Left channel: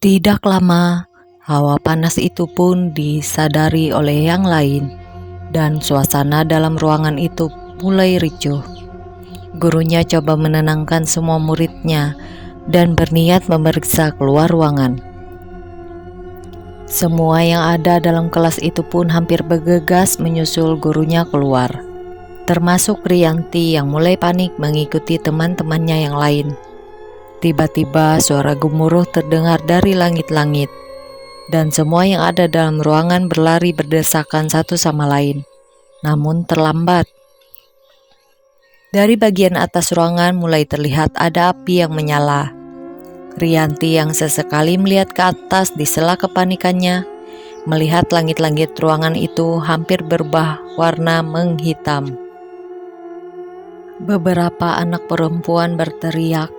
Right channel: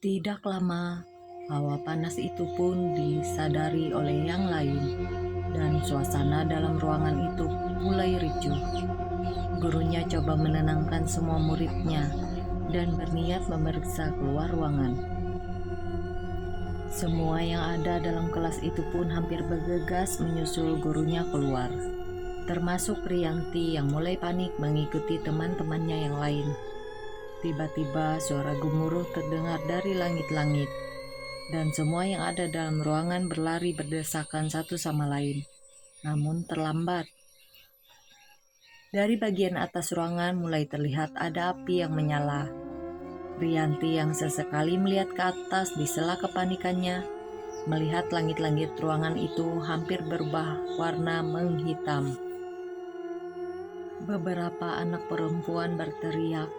Tidak lama, hawa panas itu pun disadari oleh yang lain, dan suasana dalam ruangan itu mulai ricuh. Gurunya coba menenangkan semua muridnya dan berniat memeriksa keluar ruangan. Semua yang ada dalam kelas itu pun hampir bergegas menyusul gurunya keluar, termasuk Rianti yang mulai panik mengikuti teman-temannya yang lain. Tiba-tiba suara gemuruh terdengar dari langit-langit, dan semua yang ada dalam ruangan berlari berdesakan satu sama lain, namun terlambat. Dari bagian atas ruangan mulai terlihat ada api yang menyala. Rianti yang sesekali melihat ke atas di sela kepanikannya, melihat langit-langit ruangan itu hampir berubah warna menghitam. Beberapa anak perempuan berteriak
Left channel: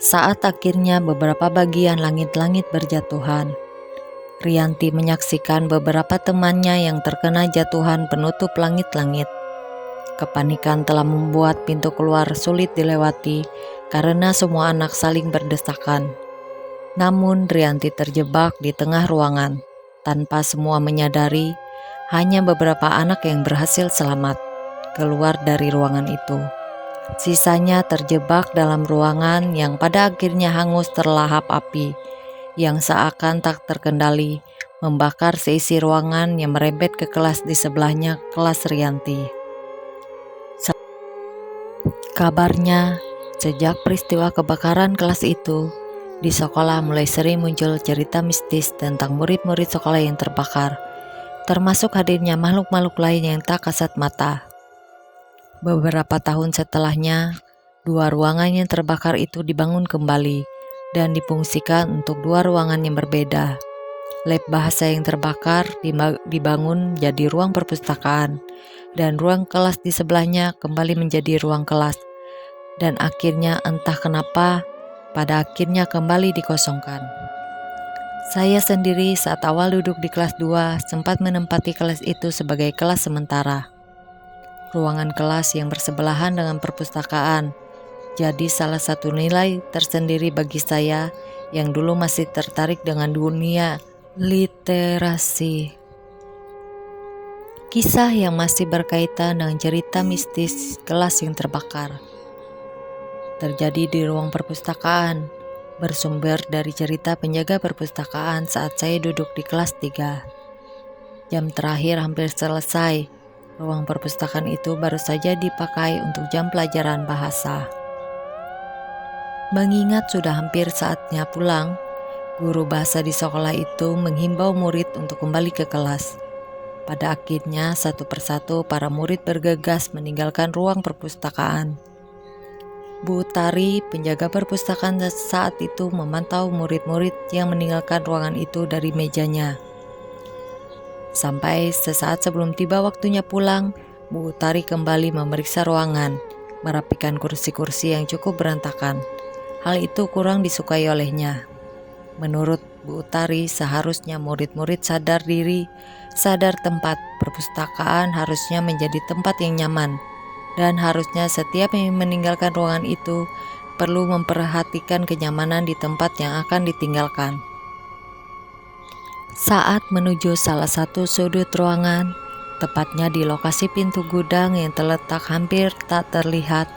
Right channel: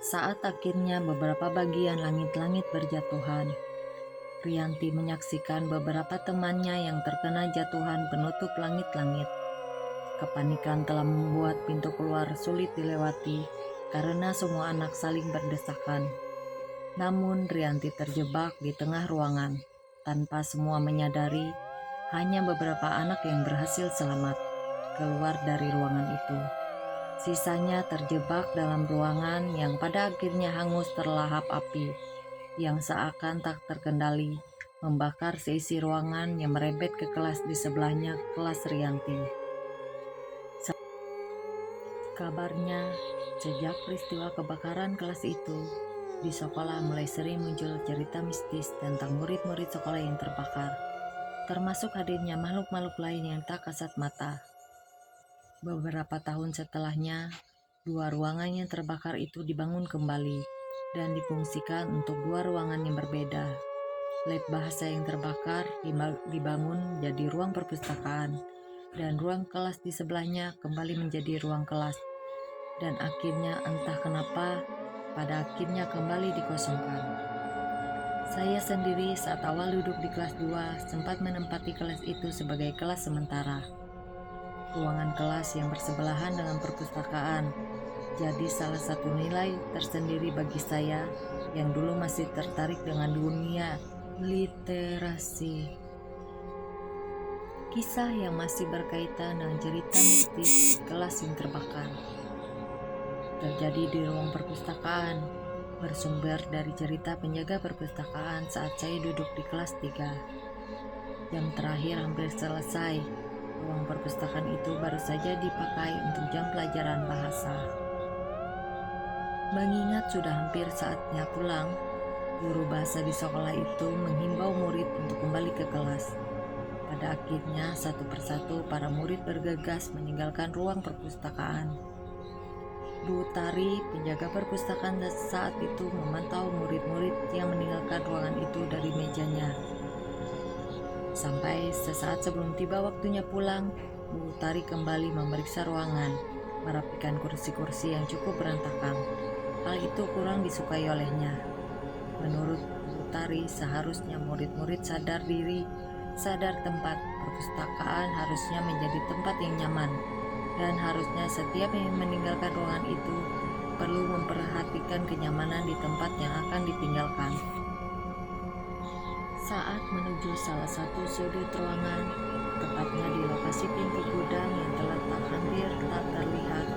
saat akhirnya beberapa bagian langit-langit berjatuhan. Rianti menyaksikan beberapa temannya yang terkena jatuhan penutup langit-langit. Kepanikan telah membuat pintu keluar sulit dilewati karena semua anak saling berdesakan. Namun Rianti terjebak di tengah ruangan. Tanpa semua menyadari, hanya beberapa anak yang berhasil selamat keluar dari ruangan itu. Sisanya terjebak dalam ruangan yang pada akhirnya hangus terlahap api yang seakan tak terkendali, membakar seisi ruangan yang merembet ke kelas di sebelahnya, kelas Rianti. Kabarnya, sejak peristiwa kebakaran kelas itu, di sekolah mulai sering muncul cerita mistis tentang murid-murid sekolah yang terbakar, termasuk hadirnya makhluk-makhluk lain yang tak kasat mata. Beberapa tahun setelahnya, 2 ruangan yang terbakar itu dibangun kembali dan difungsikan untuk 2 ruangan yang berbeda. Lab bahasa yang terbakar dibangun jadi ruang perpustakaan, dan ruang kelas di sebelahnya kembali menjadi ruang kelas. Dan akhirnya entah kenapa, pada akhirnya kembali dikosongkan. Saya sendiri saat awal duduk di kelas 2 sempat menempati kelas itu sebagai kelas sementara. Ruangan kelas yang bersebelahan dengan perpustakaan jadi salah satu nilai tersendiri bagi saya yang dulu masih tertarik dengan dunia literasi. Kisah yang masih berkaitan dengan cerita mistis kelas yang terbakar terjadi di ruang perpustakaan, bersumber dari cerita penjaga perpustakaan saat saya duduk di kelas 3. Jam terakhir hampir selesai. Ruang perpustakaan itu baru saja dipakai untuk jam pelajaran bahasa. Mengingat sudah hampir saatnya pulang, guru bahasa di sekolah itu menghimbau murid untuk kembali ke kelas. Pada akhirnya satu persatu para murid bergegas meninggalkan ruang perpustakaan. Bu Tari, penjaga perpustakaan saat itu memantau murid-murid yang meninggalkan ruangan itu dari mejanya. Sampai sesaat sebelum tiba waktunya pulang, Bu Tari kembali memeriksa ruangan, merapikan kursi-kursi yang cukup berantakan. Hal itu kurang disukai olehnya. Menurut Bu Tari, seharusnya murid-murid sadar diri, sadar tempat perpustakaan harusnya menjadi tempat yang nyaman. Dan harusnya setiap yang meninggalkan ruangan itu perlu memperhatikan kenyamanan di tempat yang akan ditinggalkan. Saat menuju salah satu sudut ruangan, tepatnya di lokasi pintu gudang yang terletak hampir tak terlihat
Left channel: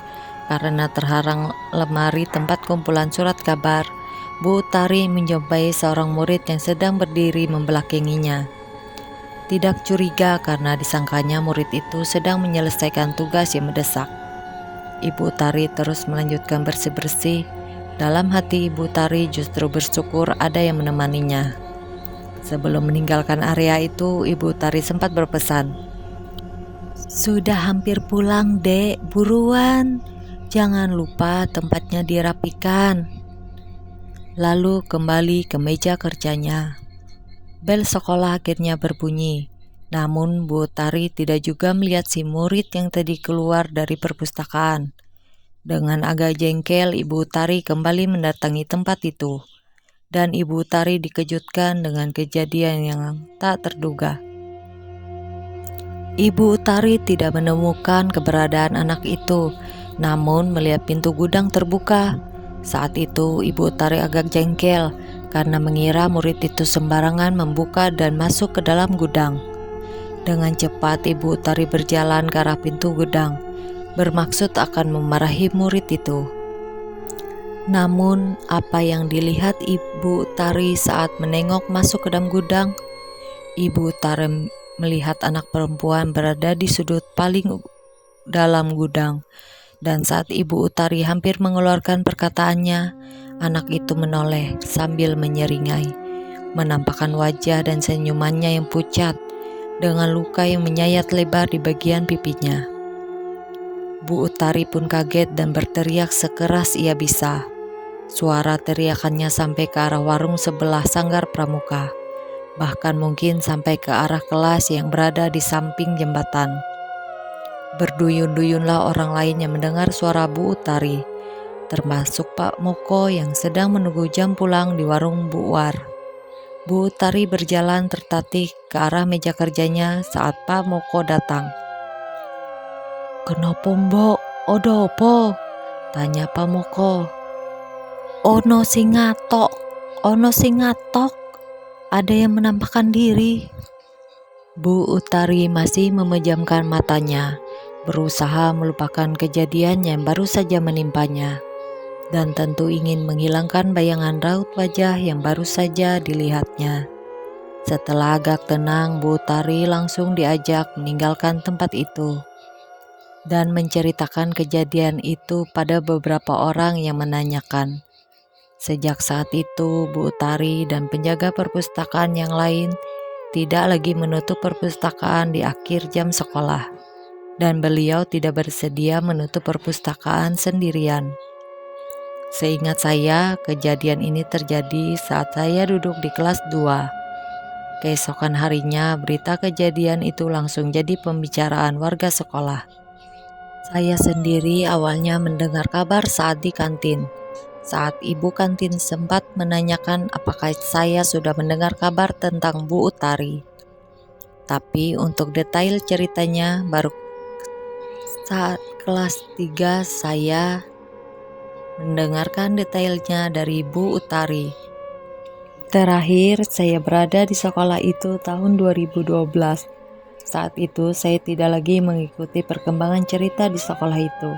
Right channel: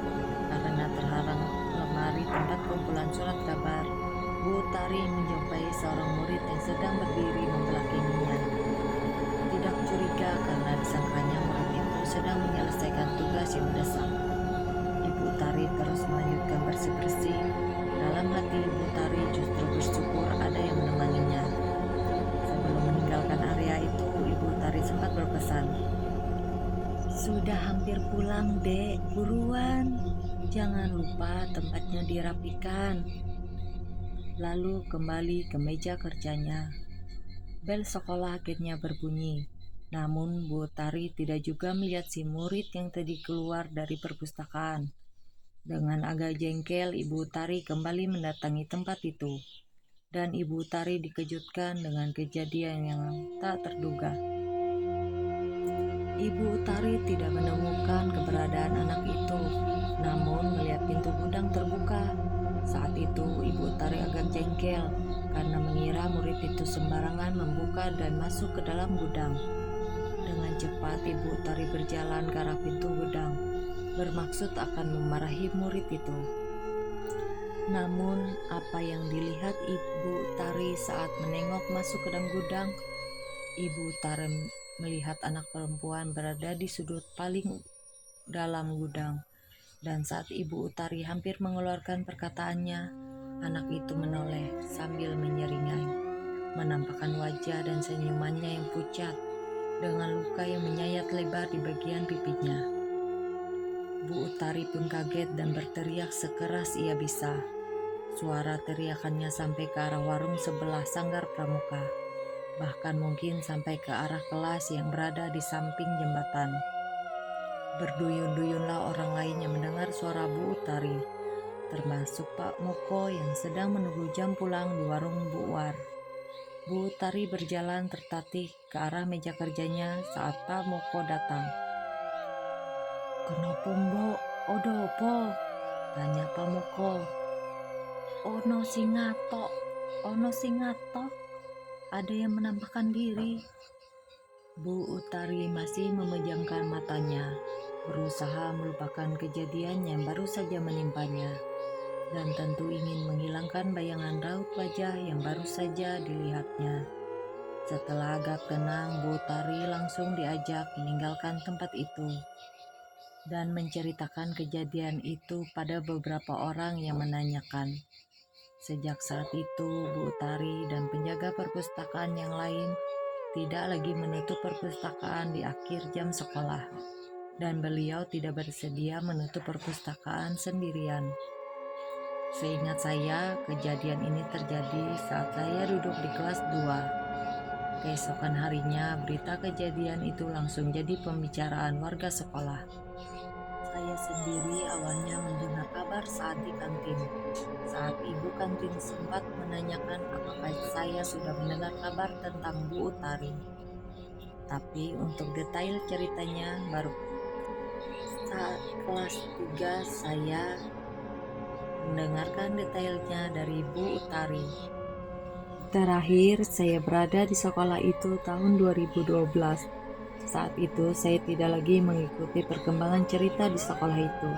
karena terharang lemari tempat kumpulan surat kabar, Bu Tari menjumpai seorang murid yang sedang berdiri membelakanginya. Tidak curiga karena disangkanya murid itu sedang menyelesaikan tugas yang mendesak. Ibu Tari terus melanjutkan bersih-bersih. Dalam hati Ibu Tari justru bersyukur ada yang menemaninya. Sebelum meninggalkan area itu, Ibu Tari sempat berpesan, "Sudah hampir pulang, Dek, buruan. Jangan lupa tempatnya dirapikan." Lalu kembali ke meja kerjanya. Bel sekolah akhirnya berbunyi, namun Bu Tari tidak juga melihat si murid yang tadi keluar dari perpustakaan. Dengan agak jengkel, Ibu Tari kembali mendatangi tempat itu, dan Ibu Tari dikejutkan dengan kejadian yang tak terduga. Ibu Tari tidak menemukan keberadaan anak itu, namun melihat pintu gudang terbuka. Saat itu Ibu Tari agak jengkel karena mengira murid itu sembarangan membuka dan masuk ke dalam gudang. Dengan cepat Ibu Utari berjalan ke arah pintu gudang, bermaksud akan memarahi murid itu. Namun, apa yang dilihat Ibu Utari saat menengok masuk ke dalam gudang? Ibu Utari melihat anak perempuan berada di sudut paling dalam gudang, dan saat Ibu Utari hampir mengeluarkan perkataannya, anak itu menoleh sambil menyeringai, menampakkan wajah dan senyumannya yang pucat, dengan luka yang menyayat lebar di bagian pipinya. Bu Utari pun kaget dan berteriak sekeras ia bisa. Suara teriakannya sampai ke arah warung sebelah Sanggar Pramuka, bahkan mungkin sampai ke arah kelas yang berada di samping jembatan. Berduyun-duyunlah orang lain yang mendengar suara Bu Utari, termasuk Pak Moko yang sedang menunggu jam pulang di warung Bu War. Bu Utari berjalan tertatih ke arah meja kerjanya saat Pak Moko datang. "Kenapa mbok? Odo apa?" tanya Pak Moko. Ono sing ngatok, ada yang menampakkan diri." Bu Utari masih memejamkan matanya, berusaha melupakan kejadian yang baru saja menimpanya, dan tentu ingin menghilangkan bayangan raut wajah yang baru saja dilihatnya. Setelah agak tenang, Bu Utari langsung diajak meninggalkan tempat itu dan menceritakan kejadian itu pada beberapa orang yang menanyakan. Sejak saat itu, Bu Utari dan penjaga perpustakaan yang lain tidak lagi menutup perpustakaan di akhir jam sekolah, dan beliau tidak bersedia menutup perpustakaan sendirian. Seingat saya, kejadian ini terjadi saat saya duduk di kelas 2. Keesokan harinya, berita kejadian itu langsung jadi pembicaraan warga sekolah. Saya sendiri awalnya mendengar kabar saat di kantin, saat ibu kantin sempat menanyakan apakah saya sudah mendengar kabar tentang Bu Utari. Tapi untuk detail ceritanya baru saat kelas 3 saya mendengarkan detailnya dari Bu Utari. Terakhir saya berada di sekolah itu tahun 2012. Saat itu saya tidak lagi mengikuti perkembangan cerita di sekolah itu.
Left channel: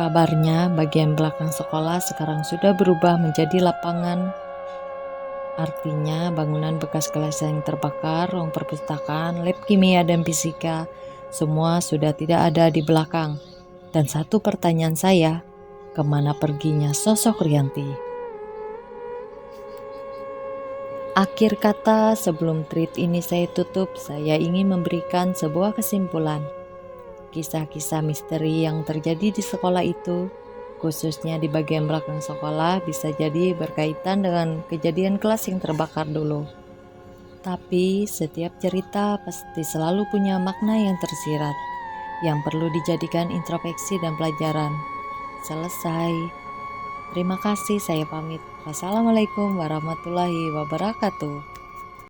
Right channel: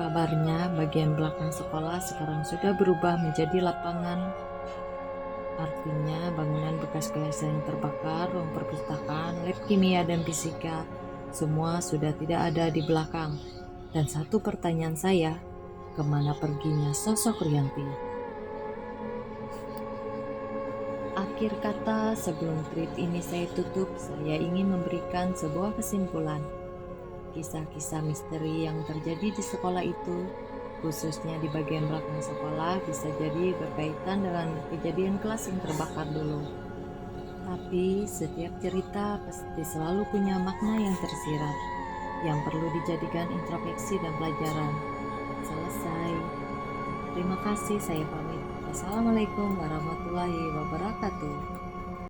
Kabarnya bagian belakang sekolah sekarang sudah berubah menjadi lapangan. Artinya bangunan bekas kelas yang terbakar, ruang perpustakaan, lab kimia dan fisika, semua sudah tidak ada di belakang. Dan satu pertanyaan saya, kemana perginya sosok Rianti? Akhir kata, sebelum tweet ini saya tutup, saya ingin memberikan sebuah kesimpulan. Kisah-kisah misteri yang terjadi di sekolah itu, khususnya di bagian belakang sekolah, bisa jadi berkaitan dengan kejadian kelas yang terbakar dulu. Tapi setiap cerita pasti selalu punya makna yang tersirat, yang perlu dijadikan introspeksi dan pelajaran. Selesai. Terima kasih, saya pamit. Wassalamualaikum warahmatullahi wabarakatuh.